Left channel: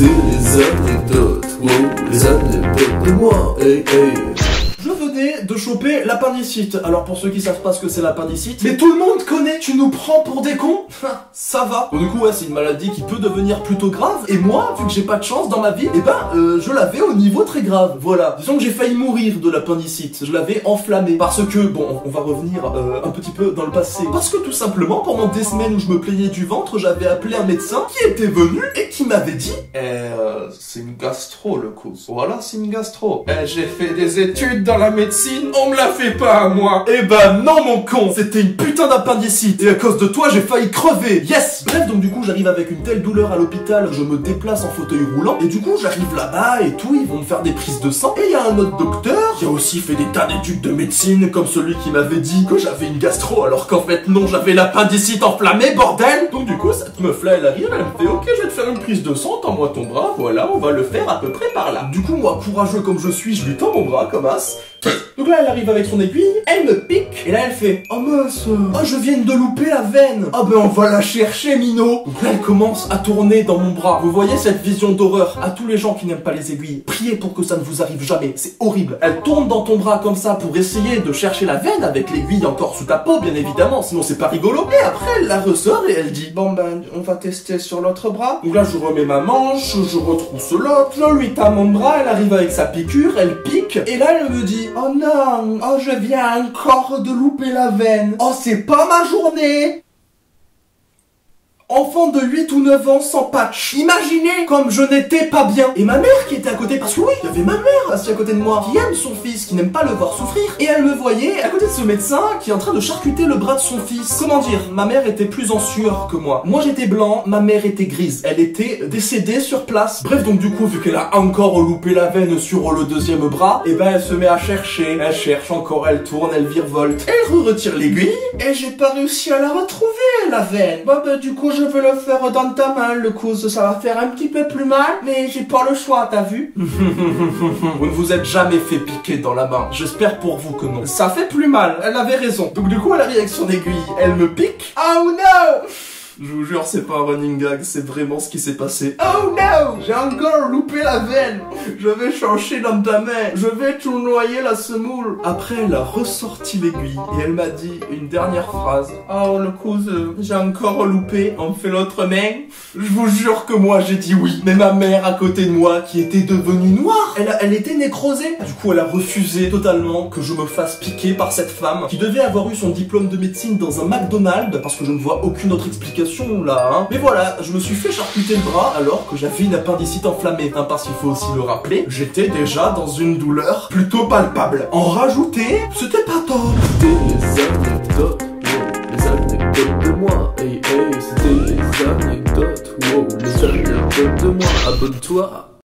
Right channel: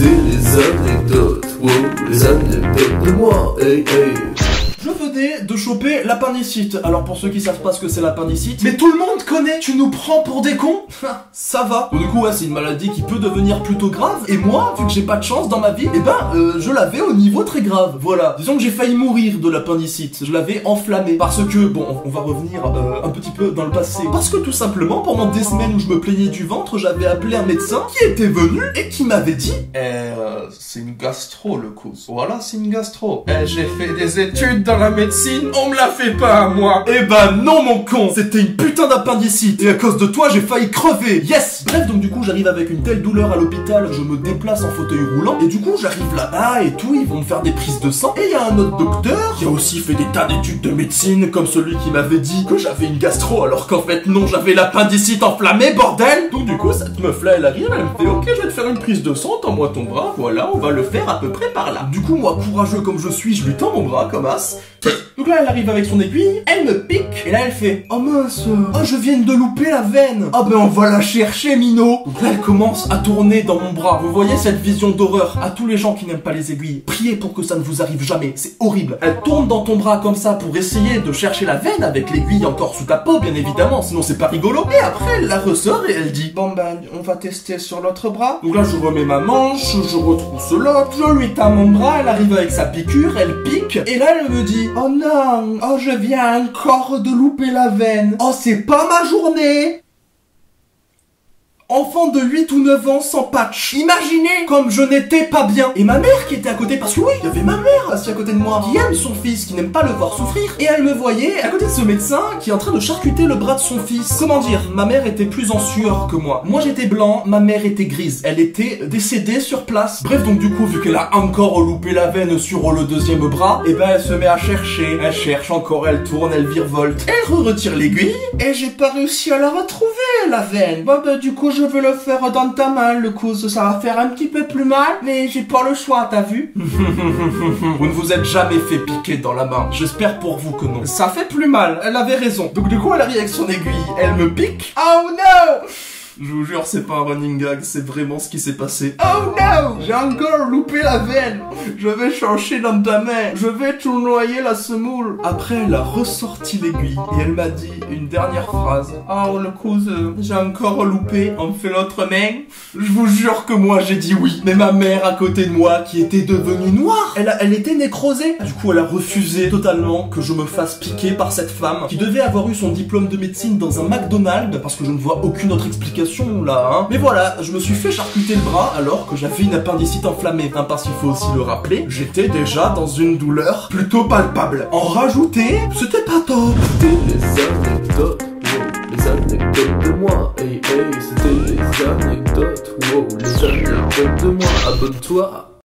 les anecdotes, wow, les anecdotes de moi, hey, hey. Je venais de choper l'appendicite. Alors pour ceux qui savent pas ce que c'est l'appendicite, mais tout le monde connaît. Tu nous prends pour des cons? Ça va. Donc, du coup ouais, c'est une maladie qui peut devenir plutôt grave. Et moi, vu que j'ai pas de chance dans ma vie, je l'avais au niveau très grave. Voilà. Disons que j'ai failli mourir de l'appendicite. Je l'avais enflammé. Parce que, bon, on va revenir un petit peu dans le passé. Parce que tout simplement, pendant des semaines où je me plaignais du ventre, j'avais appelé un médecin qui était venu et qui m'avait dit c'est une gastro le coup. Voilà, c'est une gastro. J'ai fait des études dans la médecine, on me la fait pas à moi. Eh ben non mon con, c'était une putain d'appendicite. Et à cause de toi, j'ai failli crever. Yes. Bref, donc du coup, j'arrive avec une telle douleur à l'hôpital, je me déplace en fauteuil roulant. Et du coup, j'arrive là-bas et tout, ils vont me faire des prises de sang. Et il y a un autre docteur qui a aussi fait des tas d'études de médecine, comme celui qui m'avait dit que j'avais une gastro, alors qu'en fait non, j'avais l'appendicite enflammée, bordel. Donc du coup, cette meuf-là, elle arrive, elle me fait ok, je vais te faire une prise de sang, tends-moi ton bras, voilà, on va le faire à peu près par là. Du coup, moi, courageux comme je suis, je lui tends mon bras comme as. Donc là, elle arrive avec son aiguille, elle me pique, et là, elle fait oh mince, oh, je viens de louper la veine. Ah ben, on va la chercher, Mino. Donc là, elle commence à tourner dans mon bras. Vous voyez cette vision d'horreur? À tous les gens qui n'aiment pas les aiguilles, priez pour que ça ne vous arrive jamais, c'est horrible. Elle tourne dans ton bras comme ça pour essayer de chercher la veine avec l'aiguille encore sous ta peau, bien évidemment, sinon c'est pas rigolo. Et après, elle la ressort et elle dit bon ben, on va tester sur l'autre bras. Donc là, je remets ma manche, je retrousse l'autre, je lui tends mon bras, elle arrive avec sa piqûre, elle pique, et là, elle me dit oh non, oh je viens encore de louper la veine. Oh c'est pas ma journée. Enfant de 8 ou 9 ans sans patch. Imaginez comme je n'étais pas bien. Et ma mère qui était à côté, parce que oui, il y avait ma mère assise à côté de moi, qui aime son fils, qui n'aime pas le voir souffrir. Et elle me voyait à côté de ce médecin qui est en train de charcuter le bras de son fils. Comment dire, ma mère était plus en sueur que moi. Moi j'étais blanc, ma mère était grise. Elle était décédée sur place. Bref, donc du coup, vu qu'elle a encore loupé la veine sur le deuxième bras, et ben elle se met à chercher. Elle cherche encore, elle tourne, elle virevolte. Elle retire l'aiguille, et j'ai pas réussi à la retrouver, la veine. Bon ben du coup, je veux le faire dans ta main, le coude, ça va faire un petit peu plus mal, mais j'ai pas le choix, t'as vu? Vous ne vous êtes jamais fait piquer dans la main. J'espère pour vous que non. Ça fait plus mal, elle avait raison. Donc du coup, elle arrive avec son aiguille, elle me pique. Oh no! Je vous jure, c'est pas un running gag, c'est vraiment ce qui s'est passé. Oh no! J'ai encore loupé la veine. Je vais chercher dans ta main. Je vais tournoyer la semoule. Après, elle a ressorti l'aiguille et elle m'a dit une dernière phrase. Oh, le cousin, j'ai encore loupé. On me fait l'autre main. Je vous jure que moi, j'ai dit oui. Mais ma mère à côté de moi, qui était devenue noire, elle était nécrosée. Du coup, elle a refusé totalement que je me fasse piquer par cette femme qui devait avoir eu son diplôme de médecine dans un McDonald's, parce que je ne vois aucune autre explication là, hein. Mais voilà, je me suis fait charcuter le bras alors que j'avais une appendicite enflammée, hein, parce qu'il faut aussi le rappeler, j'étais déjà dans une douleur plutôt palpable. En rajouter, c'était pas top. C'était les anecdotes, wow, les anecdotes de moi, hey hey, c'était les anecdotes, wow, les anecdotes de moi, abonne-toi.